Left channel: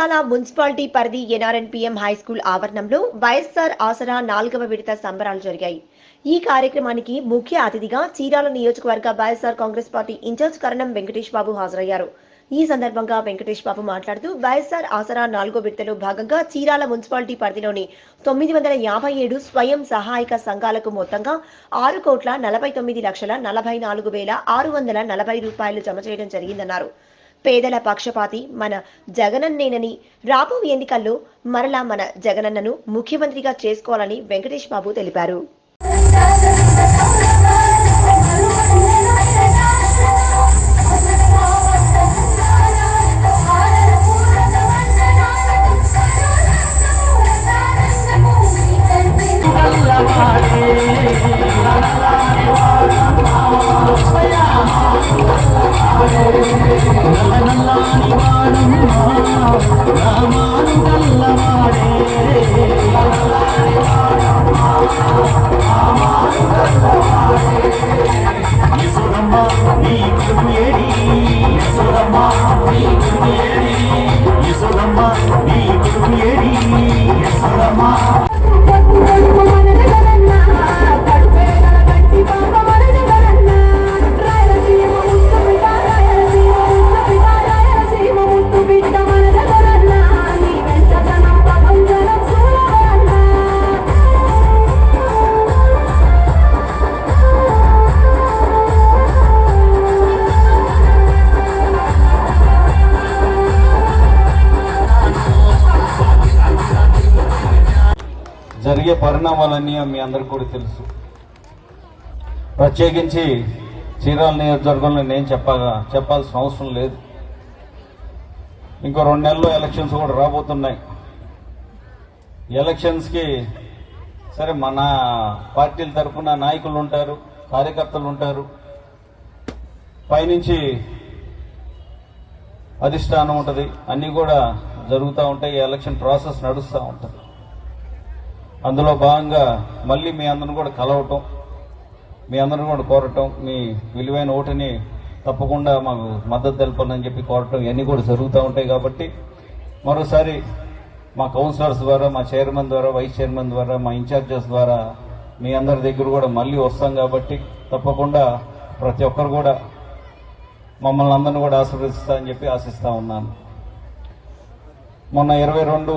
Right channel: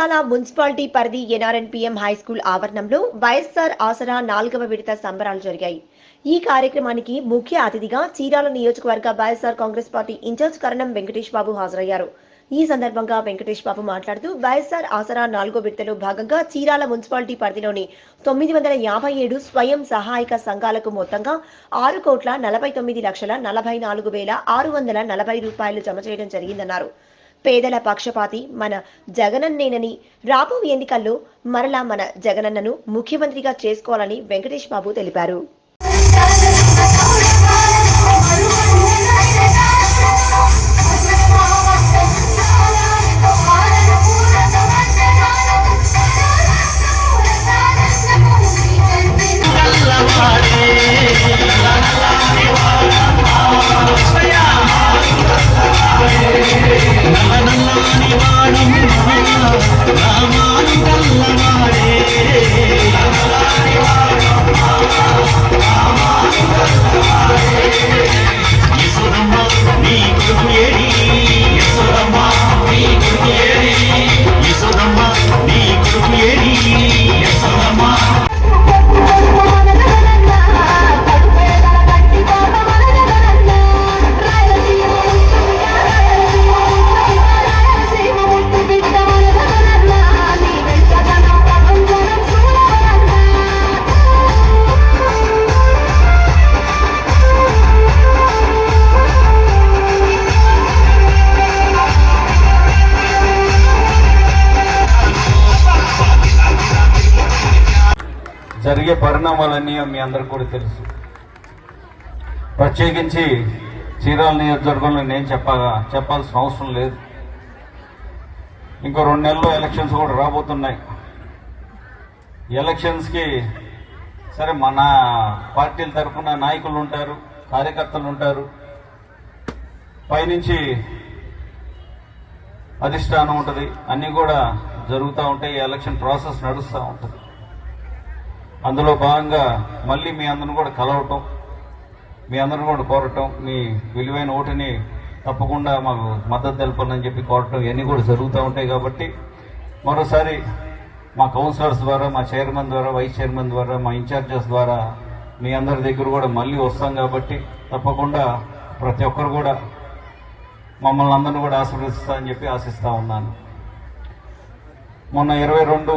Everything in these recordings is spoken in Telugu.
చీరాల మున్సిపాలిటీ పరిధి ఎన్ఆర్ఎన్పీఎం హైస్కూల్ ఆవరణంలో వైఎస్ఆర్ ఆసరా 4వ విడత సంబరాలు జరిగాయి. ఈ కార్యక్రమానికి ముఖ్య అతిథిగా చీరాల నియోజకవర్గ వైఎస్ఆర్ కాంగ్రెస్ పార్టీ ఇన్ఛార్జ్ కరణం వెంకటేష్ బాబు హాజరయ్యారు. ఈ సందర్భంగా వెంకటేష్ బాబు మాట్లాడుతూ వైఎస్ఆర్ ఆసరా 4వ విడతలో భాగంగా చీరాల మున్సిపాలిటీ పరిధిలోని 957 స్వయం సహాయక సంఘాలకు మొత్తంగా 6,49,44,640 రూపాయలు జమ చేయడం జరిగిందన్నారు. పేదల పక్షపాతి మన జగనన్నేనని, రాబోయే ఎన్నికల్లో మరలా మన జగనన్నను ముఖ్యమంత్రిగా చేసుకోవాలని వెంకటేష్ బాబు తెలిపారు. జరిగే పరిణామాలన్నీ మీ అందరికీ కూడా తెలుసు. ప్రత్యేకించి చీరాల నియోజకవర్గంలో నేను చెప్పాల్సిన అవసరం లేదు. ఇంకో 2 నెలల్లో ఎలక్షన్స్ కూడా రాబోతున్నాయి. ఎలక్షన్స్కి సరే మన పార్టీల తరఫున నాయకులు ఉంటారు, కార్యకర్తలు ఉంటారు, పైనుంచి అధిష్టానం ఉంటుంది, అన్నీ కూడా జరుగుతూ ఉంటాయి. ఈ ఎలక్షన్ ప్రాసెస్ నడుస్తూ ఉంటుంది. అందులో భాగంగా మళ్ళీ మీ అందరిని కూడా కలవటం, మీ అందరిని కూడా కోరటం, మీ విలువైన ఓటుని తప్పకుండా మాకు మద్దతు తెలపాలని చెప్పి కోరటం, ఇవన్నీ కూడా జరుగుతూ ఉంటాయి. కాబట్టి మరోసారి మా కౌన్సిలర్స్ ద్వారా, మా చైర్మన్ ద్వారా, వైస్ చైర్మన్ ద్వారా, మా ఇన్ఛార్జెస్ ద్వారా మీ అందరి దగ్గర కూడా మళ్ళీ వస్తాం. కాబట్టి తప్పకుండా ప్రతి ఒక్కరు కూడా మమ్మల్ని అందరిని కూడా ఆశీర్వదిస్తారని చెప్పి ఆశిస్తా ఉన్నాను. మొన్న 22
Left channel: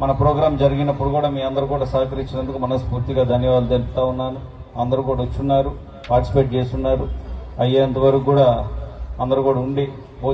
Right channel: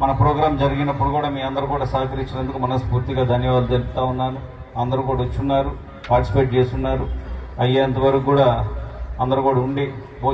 మన ప్రోగ్రాం జరిగినప్పుడు కూడా మీ అందరూ కూడా సహకరించినందుకు మనస్ఫూర్తిగా ధన్యవాదాలు తెలుపుతా ఉన్నాను. అందరూ కూడా వచ్చున్నారు, పార్టిసిపేట్ చేస్తున్నారు. అయ్యేంత వరకు కూడా అందరూ కూడా ఉండి